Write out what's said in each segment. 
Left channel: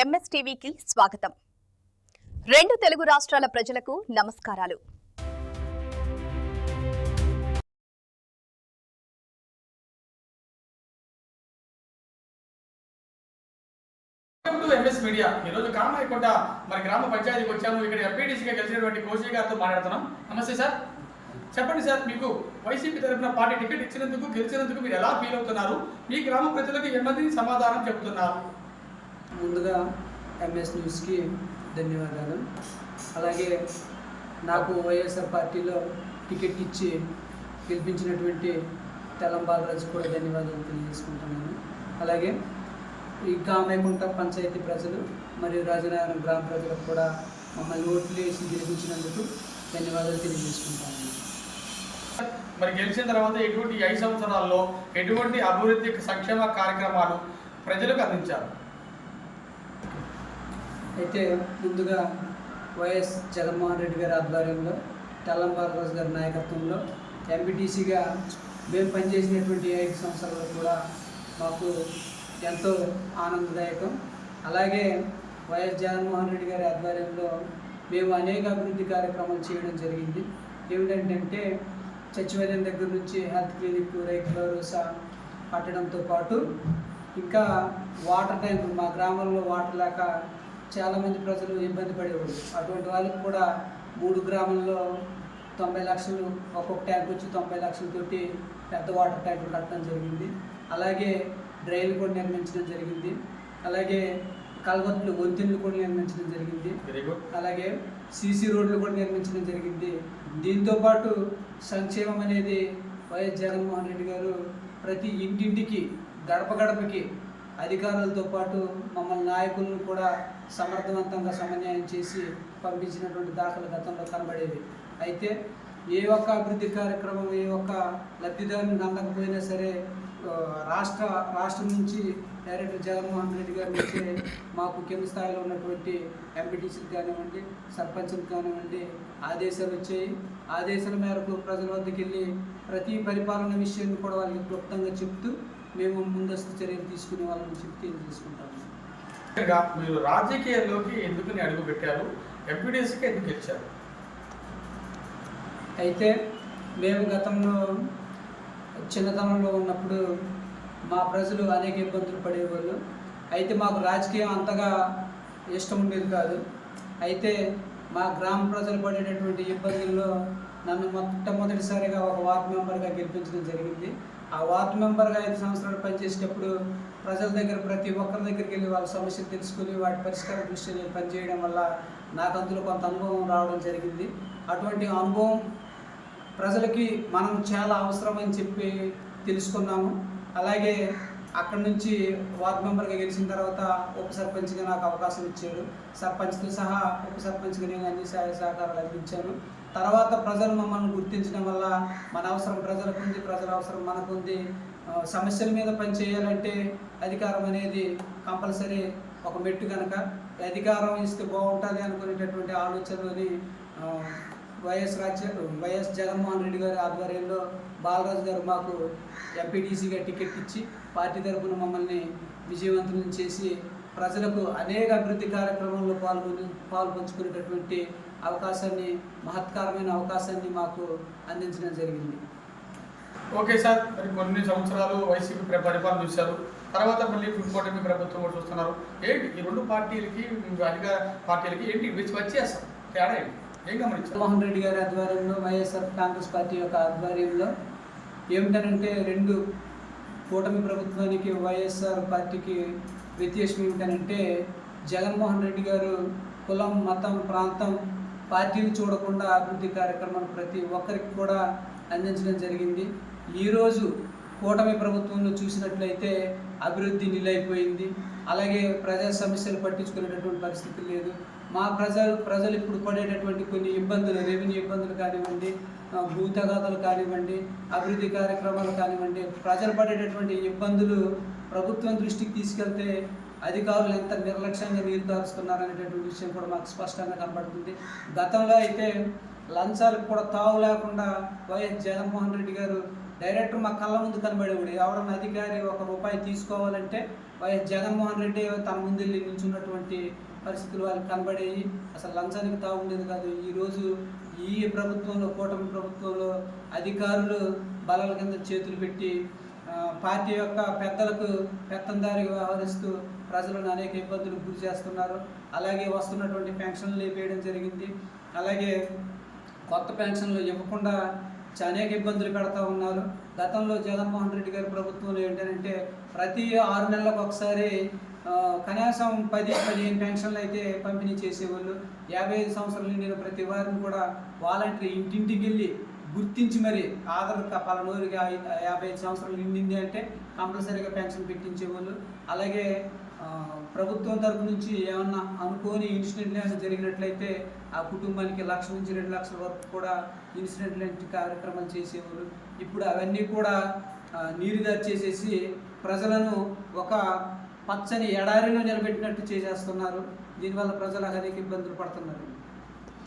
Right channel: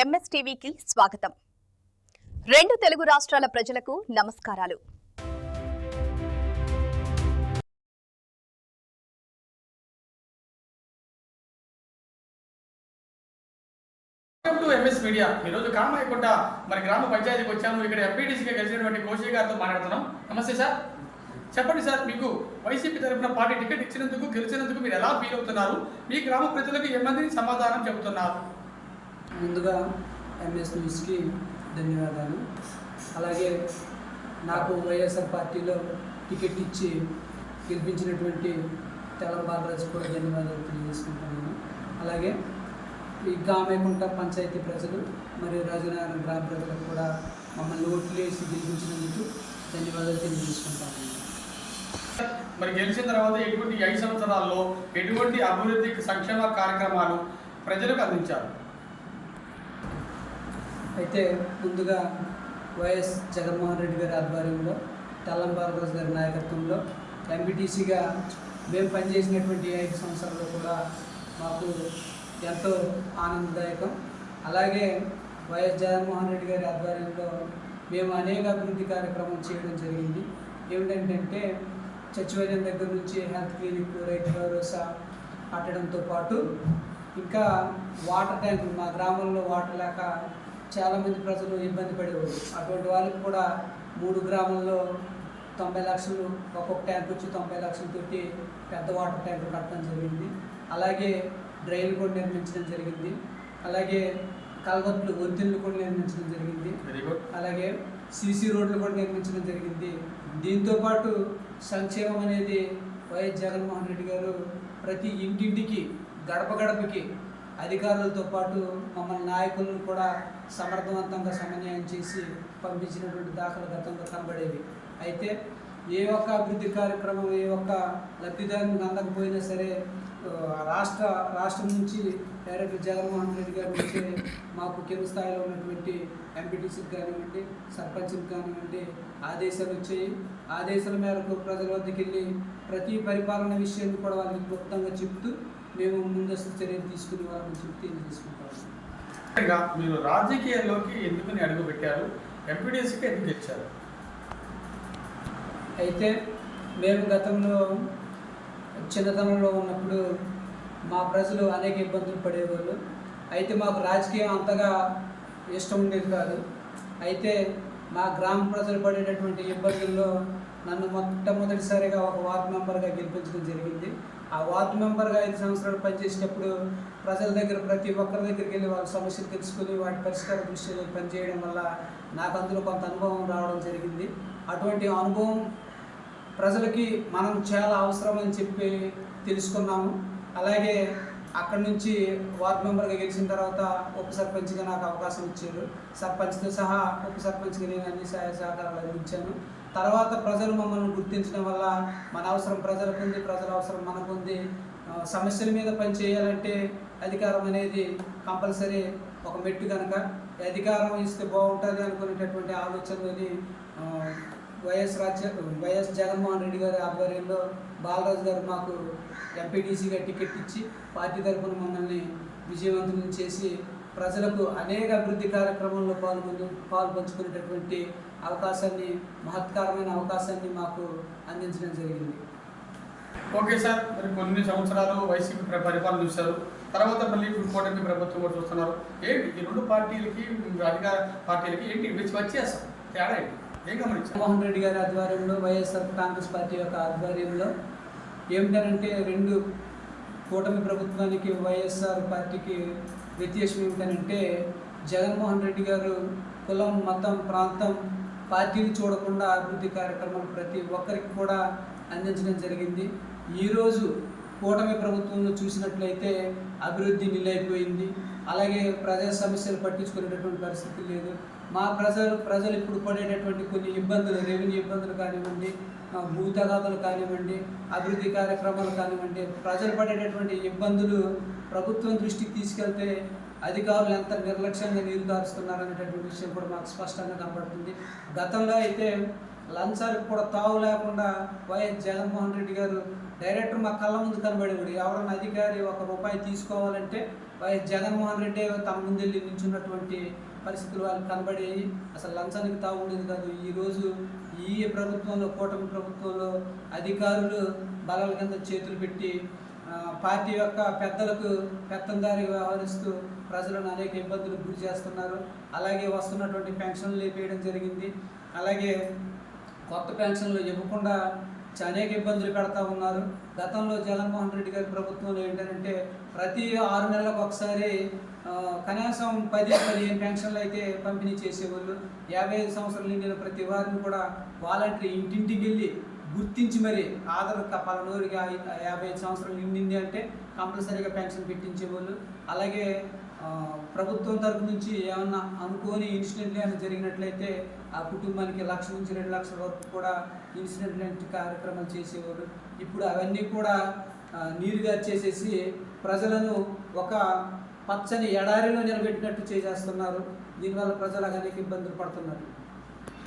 ఎంఎస్టీవీకి స్వాగతం. రెండు తెలుగు రాష్ట్రాల ప్రజలకు నమస్కారాలు. ఎంఎస్ మీడియా ఈరోజు కామాయకొండ గ్రామ పంచాయతీకి వచ్చాము. ఇక్కడ ఎంపీటీసీగా గెలిచినటువంటి కోశీ గారితో మాట్లాడుతున్నాం. నమస్తే సార్, చెప్పండి సార్, మీకు వైసీపీ తరఫున పార్టీ టికెట్ ఇచ్చినందుకు గెలిచినందుకు మీరు ఎలా ఫీల్ అవుతున్నారు? మీ గ్రామ ప్రజలకు ఏమంది సమాధానం చెబుతున్నారు? ముందుగా ఎంఎస్ న్యూస్కి ధన్యవాదాలు. అలాగే నాకు వైఎస్ఆర్ పార్టీలో టికెట్ ఇచ్చి గెలిపించినటువంటి తెలం బాలరాజు కూడా ధన్యవాదాలు తెలియజేసుకుంటున్నాను. అలాగే ఈ కామాయకొండ పంచాయతీ ప్రజలు మరియు రాజనగరం గ్రామ ప్రజలకు కూడా మమ్మల్ని ఓట్లు వేసి గెలిపించినందుకు ధన్యవాదాలు తెలియజేసుకుంటాను. మరి గెలిచిన తర్వాత ఎటువంటి 5 సంవత్సరాల్లో ఎటువంటి అభివృద్ధి సంక్షేమ కార్యక్రమాలు ప్రజలకు అందించారు? అయితే ముందుగా వైఎస్ జగన్మోహన్ రెడ్డి గారి ఆధ్వర్యంలో తెల్లం బాలరాజు గారి నాయకత్వంలో ఎంపీటీసీగా మేము పనిచేసినటువంటి 5 సంవత్సరాలు కూడా మాకు ఎంతో ఆనందదాయకం. అలాగే వైఎస్ జగన్మోహన్ రెడ్డి గారి ఆధ్వర్యంలో మేము అనేక అభివృద్ధి కార్యక్రమాలు చేయడం జరిగింది. ఏమిటంటే సచివాలయం దగ్గర నుంచి హెల్త్ క్లినిక్, రైతు భరోసా కట్టడంతో పాటు ఇంకా వాటర్ ట్యాంకులు, మా గ్రామంలో వాటర్ లేక చాలామంది ప్రజలు ఇబ్బంది పడేవారు. అటువంటి వాళ్ళకి కూడా 3 గ్రామాల్లో 90 లక్షలు, ఒక్కొక్క ట్యాంక్ వచ్చి 90 లక్షలతోటి పెద్ద వాటర్ ట్యాంకులు కట్టడం జరిగింది. అలాగే డ్రైన్లు కూడా నిర్మించడం జరిగింది. అలాగే కల్వర్ట్లు, వంతెనలు కూడా నిర్మించడం జరిగింది. అలాగే సీసీ రోడ్లు కూడా నిర్మించడం జరిగింది. దీంతోపాటు సంక్షేమం అనేది వైఎస్ జగన్మోహన్ రెడ్డి గారు ప్రతి ఇంటింటికి, గడప గడపకి అధికారులతో పాటు మమ్మల్ని నాయకులను కూడా సమర్థవంతంగా సమన్వయం చేసి పంపించినటువంటి దాఖలు గతంలో కనబడేవి. అయితే ఏ ఒక్క అభివృద్ధి కార్యక్రమం, ఏ ఒక్క లబ్ధిదారునికి అందకపోయినా సరే రాష్ట్రం నుంచి డైరెక్టర్ జగన్మోహన్ రెడ్డి గారి నుంచి మాకు కింద స్థాయిలో ఉన్నటువంటి ఎంపీటీసీకి కానివ్వండి, సర్పంచ్కి కానివ్వండి ఆదేశాలు వచ్చాయి. ఆదేశాల మేరకు ప్రజల వద్దకు వెళ్ళి ప్రతి పరిపాలన విషయాన్ని కూడా వాళ్ళకి క్లుప్తంగా చెప్తూ మేము ముందస్తు చర్యలు తీసుకుని వాళ్ళని చెప్తూ తీసుకుంటాము. మీరు రాజకీయాల్లోకి ఎందుకు అడుగు పెట్టారు? ఎంపీటీసీకి ఎందుకు ఇచ్చారు? అయితే మేము గతంలో చిన్నతనంలో ఉన్నప్పుడు మా ప్రజలు అనేక ఇబ్బందులు పడేవాళ్ళు. అయితే మాకు రాజకీయం అంతగా ఇష్టం ఉండేది కాదు. అయితే మా గ్రామ ప్రజలు పడేటటువంటి ఇబ్బందుల్లో నన్ను మొట్టమొదటిసారిగా ఒక వార్డు మెంబర్గా గెలిపించడం జరిగింది. ఆ వార్డు మెంబర్గా 5 సంవత్సరాలు పనిచేసేటప్పుడు ప్రజల దగ్గర ప్రతి ఒక్కరి దగ్గరికి వెళ్ళి వాళ్ళ సమస్యలు తెలుసుకుని వాటి పరిష్కార దృష్టిలో పనిచేయడం వల్ల నాకు అందులో కొంత అనుభవం రావడం జరిగింది. అటువంటి అనుభవం ప్రజలకి మనం చాలా అవసరమని చెప్పి తెలుసుకున్నాము. అలాగే అక్కడి నుంచి వార్డు మెంబర్గా గెలిచిన తర్వాత ఉప సర్పంచ్గా నాకు అవకాశం ఇచ్చారు. సర్పంచ్తో సహా ఉప సర్పంచ్గా నేను అన్ని సహాయ సహకారాలు అందించాను. తర్వాత ప్రజలు మమ్మల్ని గుర్తించడం వల్ల మన అవసరం ప్రజలకు ఉంది, ప్రజల అవసరం మనకు ఉంది. సమస్యల మీద పని చేయాలంటే అధికారం అనేది కంపల్సరీ ఒక మెట్టు కనుక అధికారం ఇస్తే బాగుంటుంది అనుకునేటటువంటి ఆలోచనలోని వైఎస్ జగన్మోహన్ రెడ్డి గారి ఆధ్వర్యంలో బాలరాజు గారు మాకు ఎంపీటీసీగా టికెట్ ఇచ్చి పార్టీ తరఫున మమ్మల్ని విజయవంతం చేసి ప్రజలకు అనేక అభివృద్ధి కార్యక్రమంలో పాల్పంచుకునేటటువంటి అవకాశాన్ని, మహత్కరమైన అవకాశాన్ని మాకు అందించడం జరిగింది. ఓకే సార్, మరి కొన్ని సంవత్సరాలు వైసీపీ పరిపాలన చూశారు, తర్వాత మళ్ళీ కూటమి ప్రభుత్వం కూడా చూస్తున్నారు. ఏంటి ఈ రెండు పార్టీలకి, అధికార పార్టీలకి ఏంటి వ్యత్యాసం, తేడా ఏంటి, ఏం గమనించారు? జగన్మోహన్ రెడ్డి గారి ఆధ్వర్యంలో వైఎస్ఆర్ కాంగ్రెస్ పార్టీ యొక్క ఆధ్వర్యంలో ఏమిటంటే రెండు కూటమి ప్రభుత్వానికి వైఎస్ఆర్ పార్టీకి వ్యత్యాసం ఏమిటంటే జగన్మోహన్ రెడ్డి గారు కులం, మతం, ప్రాంతం, పార్టీని చూడకుండా అభివృద్ధి కార్యక్రమాలు ప్రతి ఒక్కరికి కూడా అందించడం జరిగింది. ఈరోజు కూటమి ప్రభుత్వంలో చూసినట్లయితే అభివృద్ధి నిలైపోయింది. అలాగే ప్రజా సమస్యలు పట్టించుకునేటటువంటి పరిస్థితి లేదు. మా ప్రజలు ఇప్పుడు పడేటటువంటి కొన్ని ఇబ్బందులు, రెవెన్యూ ఇబ్బందులు కానివ్వండి, భూ తగాదాలు కానివ్వండి, అభివృద్ధి కార్యక్రమాలు కానివ్వండి, ప్రజలు పడేటటువంటి ఇబ్బందులు ప్రభుత్వం దృష్టికి తీసుకెళ్తే అధికారులు ఎంత నిర్లక్ష్యంగా నీరు కారుస్తున్నారు అనేటటువంటి విషయం కూడా మాకు స్పష్టంగా కనబడుతుంది. గతంలో అయితే లంచాలకు కూడా తావు లేకుండా వైఎస్ జగన్మోహన్ రెడ్డి గారు డైరెక్టర్ మా కళ్ళ ముందు కనబడేవాడు. ఎవరన్నా అధికారి ₹1 తీసుకోవాలంటే వైఎస్ జగన్మోహన్ రెడ్డి తన ముందు వెళ్ళి నించున్నటువంటి పరిస్థితులు వాళ్ళకి కనబడేవి. అసలు లంచానికి తావు ఉండేది కాదు. ఈరోజు ఈ ప్రభుత్వంలో, కూటమి ప్రభుత్వంలో అధికారులు బలాల కింద చేతులు పెట్టి పార్టీ యొక్క పెద్దలకు పెత్తందారి వ్యవహరిస్తూ ప్రజలను అనేక ఇబ్బందులకు గురి చేస్తున్నారు. అలాగే వస్తున్నటువంటి పెన్షన్లు లేపేయడం జరిగింది. అలాగే కొత్త పెన్షన్లు ఇవ్వకుండా అనేక ఇబ్బందులు పెడతా ఉన్నారు. గతంలో జగన్మోహన్ రెడ్డి గారి ప్రభుత్వంలో ఏంటంటే ప్రతి 6 నెలలకు ఒకసారి కనీసం 10-15 పెన్షన్లు అయితే పంపిణీ చేసేవాళ్ళు. 55 సంవత్సరాలు నిండిన ప్రతి వారిని కూడా వాలంటరీ ఇంటింటికి వెళ్ళి గుర్తించి మరి ఆధార్ పలానోరికి 55 సంవత్సరాలు నిండింది అంటే కంపల్సరీగా పెన్షన్ పెట్టించేవాళ్ళు. అలాగే ప్రభుత్వం తరపు నుంచి ఏమన్నా అనుకోని ఇన్సిడెంట్లు ఏమైనా జరిగినట్లయితే ఆ కుటుంబానికి ₹1,00,000 నుంచి ₹2,00,000 వరకు కూడా ఇన్సిడెంట్ లాంటి కార్యక్రమాలు చేసేవాళ్ళు. ఇప్పుడు అవన్నీ కూడా నీరుగా చేసేసి ప్రజలను ఒక పచ్చని ఎడారిలో నిలబెట్టినట్టు చేసేస్తున్నారు. దీనివల్ల ప్రజలు అనేక ఇబ్బందులు పడుతున్నారు.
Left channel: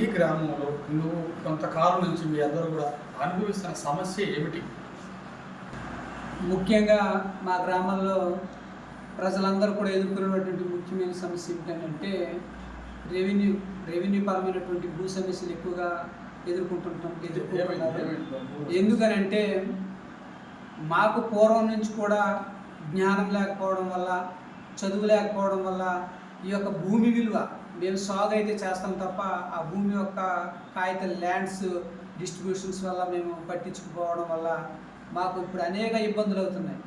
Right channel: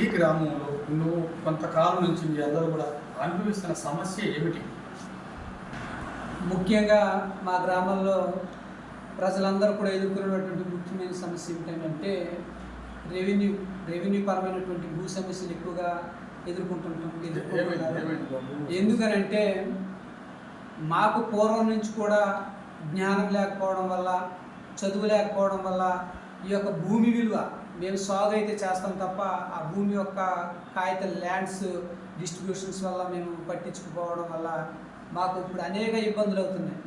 ఈ గ్రామంలో నువ్వు కొంతకాలం నుంచి మీ అందరూ కూడా అనుభవిస్తున్న సమస్య ఏమిటి? ముఖ్యంగా మా గ్రామంలో ప్రజలందరూ కూడా ఎదుర్కొనేటువంటి ముఖ్యమైన సమస్య ఏమిటంటే రెవెన్యూ పరమైనటువంటి భూ సమస్యలు ఎక్కువగా ఎదుర్కొంటున్నారు. ఎందుకనంటే మాకు పూర్వం నుంచి కూడా జ్ఞానం లేకపోవడం వల్ల, చదువు లేకపోవడం వల్ల ఈ యొక్క భూమి విలువ మేము సాగు అయితే చేస్తాం తప్ప ఆ భూమి యొక్క కాగిత ల్యాండ్స్ డిస్ట్రిబ్యూషన్స్ వల్ల మేము పట్టించుకుపోవడం వల్ల మాకు ఇప్పుడు అనేక ఇబ్బందులు అవుతున్నాయి.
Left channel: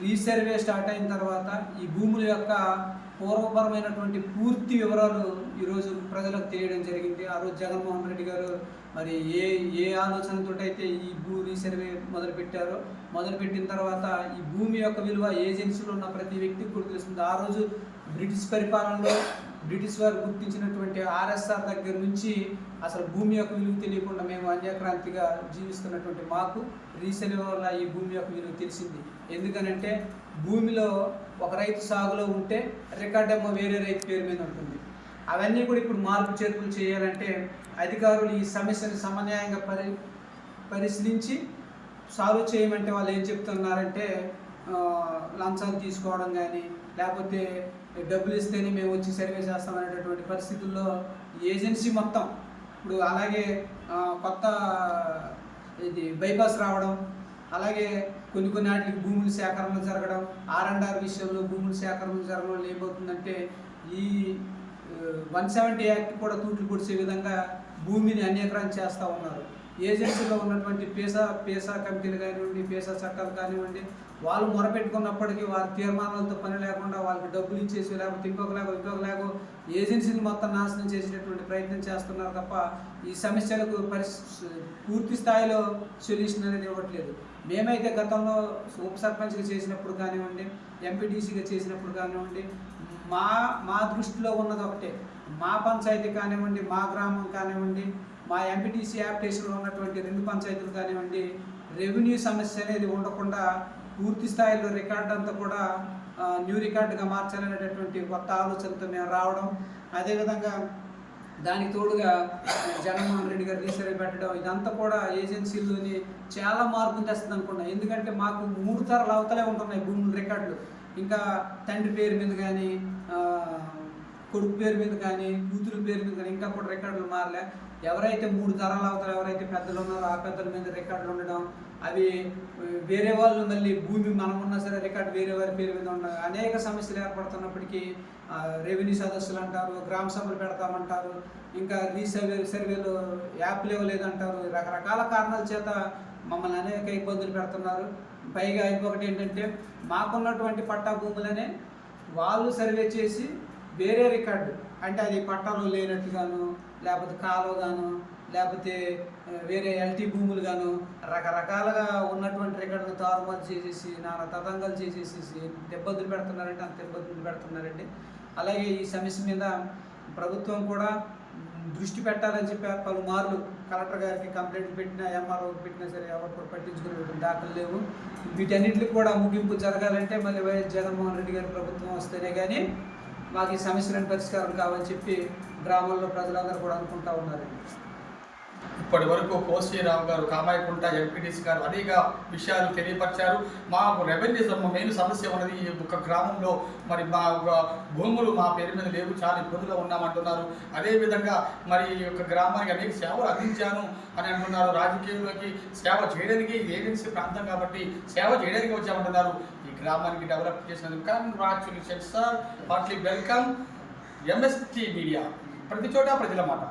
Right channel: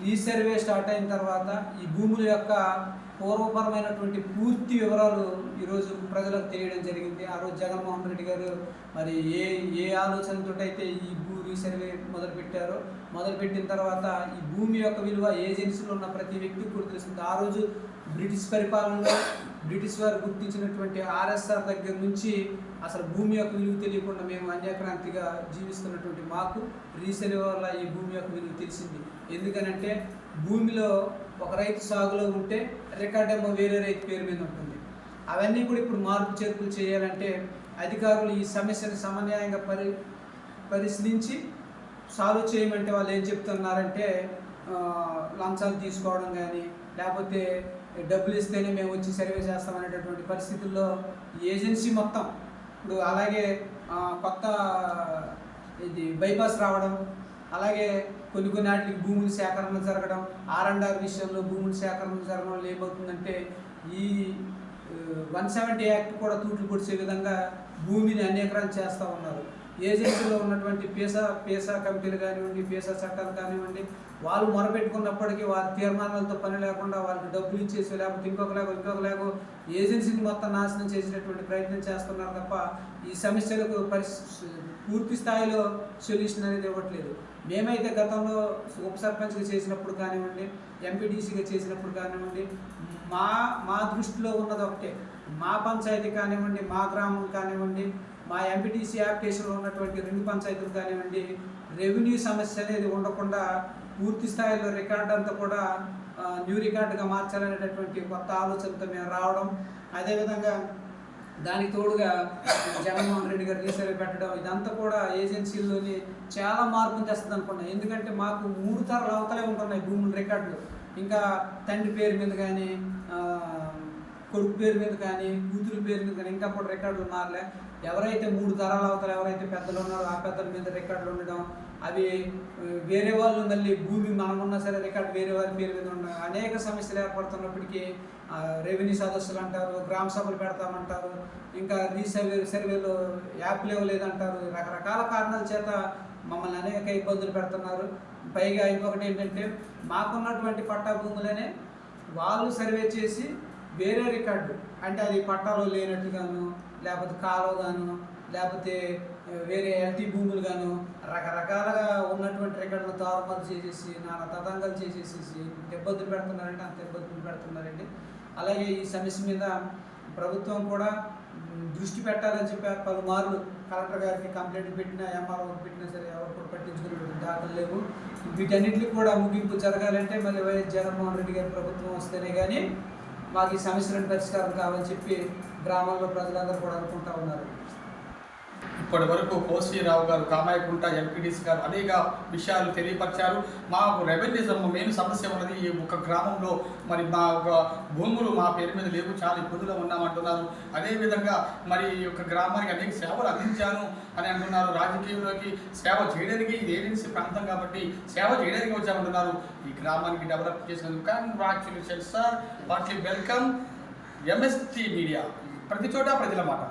రీసర్వే స్టార్ట్ అయిన తర్వాత ఈ భూముల యొక్క పూర్వపరమైనటువంటి పూర్తి వివరాలు ఈరోజు ప్రజలకు తెలియడం జరిగింది. ఆ రోజు జగన్మోహన్ రెడ్డి గారు మరి ఏ ఆలోచనతో అయితే ఈ భూ రీసర్వే మొదలుపెట్టారో, మొదలుపెట్టిన తర్వాత ఈ భూమి యొక్క విలువ ఏజెన్సీలో ఉన్న ప్రతి వ్యక్తికి కూడా తెలుస్తుంది. ఆ రోజు బ్రిటిష్ పరిపాలనలో బ్రిటిష్ వారు గుర్తించినటువంటి ఆర్ఎస్ఆర్ దగ్గర నుంచి అసలు భూమి యొక్క విలువ తెలియకుండా మేము అన్యాక్రాంతిగా జీవిస్తున్నటువంటి మాకు రీసర్వే వల్ల ఈ భూమి యొక్క విలువ తెలిసింది. ఎందుకనంటే భూమిలో ఒక రైతు సాగులో ఉంటే రికార్డ్ ఏమో వేరే రైతు పేరు మీద ఉంటుంది. అవన్నీ కూడా ఇప్పుడు మార్పు చేర్పులు చేయాలంటే అధికారులు ఈ సమస్యను సమన్యాయంగా పరిశీలించి సాల్వ్ చేయమంటే వాళ్ళు ఏం చెప్తున్నారంటే లంచాలు తీసుకోవడం కానీ, లేకపోతే డబ్బులు ఇస్తేనే మేము వచ్చి సర్వే చేస్తామనేటటువంటి పరిస్థితుల్లో ఏజెన్సీ మొత్తం ఇప్పుడు అలాగే కొత్త బైపాస్ రావడం, అలాగే కొన్ని వాటికి భూముల సేకరణ జరగడం, R&R విషయంలో భూముల సేకరణ జరగడం వల్ల ఏమవుతుందంటే ఈ 170 యాక్ట్ కూడా తూట్లు పొడిచే విధంగా భూమిని అన్యాక్రాంతి చేస్తూ ఉన్నారు. ఏజెన్సీలో ఉన్నటువంటి పేసా కమిటీలు కానివ్వండి, పేసా చట్టాలు కానివ్వండి, వాళ్ళు మొరపెట్టుకున్నప్పటికీ వారి తీర్మానాలతో పని లేకుండా వాళ్ళకి డబ్బులు ఇచ్చేసి లేకపోతే ఇంకొకలాగో ఏజెన్సీని మొత్తం నాశనం చేసేటటువంటి ప్రయత్నం చేస్తున్నారు తప్ప ఈ సమస్యలకు పూర్తి స్థాయిలో సొల్యూషన్ అనేది ఇవ్వట్లేదు. మేమైతే గతంలో ఉప సర్పంచ్గా చేసినప్పుడు కానివ్వండి, ఎంపీటీసీగా చేసినప్పుడు కానివ్వండి, మా దృష్టిలో ఉన్నది ఒకటే, మా పంచాయతీ కానివ్వండి, మా గ్రామం కానివ్వండి, మా ఎంపీటీసీ యాప్టేషన్లో ఉన్నటువంటి 2 పంచాయతీలు కానివ్వండి, రెవెన్యూ సమస్య అనేది ఉండకుండా పూర్తి స్థాయిలో రికార్డు అంతా కూడా న్యూ రికార్డుగా మార్చాలనేటటువంటి కొత్త ఆలోచనతో మేము రావడం, అదేవిధంగా దానికి తోడుగా జగన్మోహన్ రెడ్డి గారు రీసర్వే పెట్టడం, ఇదంతా కూడా ఏజెన్సీల్లోని చాలా మార్పులు తెస్తుంది అనుకున్నాం. ఎందుకంటే మాకు 3 తరాల అవతలే ఉంటున్నాయి భూముల రికార్డులు. ఇంకా తండ్రి పేరు మీద కానీ, కొడుకు పేరు మీద కానీ, కూతురు పేరు మీద కానీ ఇంకా కూడా రికార్డులు మారలే. ఎవరైతే 3 తరాల అవతల ఎవరైతే పెద్దలు ఉన్నారో ఆ పెద్దల మీద రికార్డులు ఉండడం, అవి వేరే వాళ్ళు మళ్ళీ భూమి మనం ఉన్నా సరే రికార్డు వేరే వారి పేరు మీద ఉండడం, అనేక సమస్యలు ఏర్పడుతున్నప్పటికీ రెవెన్యూ సదస్సులు అంటారు, గ్రామ సభలు పెడతామంటారు, ఇంకా సర్వేలో యాప్లు ఇవ్వలేదంటారు. రకరకాల కారణాల చేత మమ్మల్ని అనేక ఇబ్బందులు పెడుతున్నారు. పైగా ఇంకొకటి ఏంటంటే మాకున్నటువంటి పట్టా భూములనే వాళ్ళు సర్వే చేసి వేరే రికార్డు అంటే అది పట్టాలో లేనట్టుగాను, లేకపోతే కాలువగాను, లేకపోతే వేరే ఎల్టీ భూములు గాను రకరకాలుగా ఉన్నటువంటి రికార్డులను తారుమారు చేసేసి నానా తతంగాలు చేసేసి ఇబ్బందులు పెడుతున్నారంటే అంత ఇబ్బందులు పెడుతున్నారండి. అలాగే ఈ సమస్య మీద ప్రభుత్వం కూడా దృష్టి పెట్టాలని చెప్పి పలుమార్లు కలెక్టర్ గారికి కంప్లైంట్లు పెట్టినా, ఎంఆర్ఓకి పెట్టినా సరే ఎవరు కూడా పట్టించుకునేటువంటి దాఖలు లేవు. వీటన్నిటికి కూడా ముగింపు జరగాలంటే మళ్ళీ వైఎస్ జగన్మోహన్ రెడ్డి గారి ప్రభుత్వం వస్తేనే కానీ మాకు ఈ సమస్యలను పరిష్కారం కావాలని చెప్పి గ్రామంలో ప్రజలందరూ కూడా అనుకుంటూ ఉన్నారు. ఇప్పటి వరకు కోశ్రీరావు గారు, కామాయకుంట ఎంపీటీసీ గారు అనేక విషయాలు తెలియపరిచారు. మాకు రెవెన్యూ మెయిన్ సమస్య ఉన్నది ఈ ఒక గ్రామంలో. మరి మా ఒక భూములు మా పేరు మీద లేవు, చాలా ఇబ్బందులు ఉన్నామంటున్నారు. అదేవిధంగా మరి ఈ యొక్క గ్రామానికి అనేక సేవలు అందించాను అని అంటున్నారు. రాజకీయంలోకి సేవ చేయడానికి ఇది ఏజెన్సీ ప్రాంతం కాబట్టి సేవ చేయడానికి వచ్చామంటున్నారు. ఈ గ్రామానికి డెవలప్ చేసినందుకు congratulations sir. Partly welcome. MST media, ప్రతి చోట ప్రజల మాట.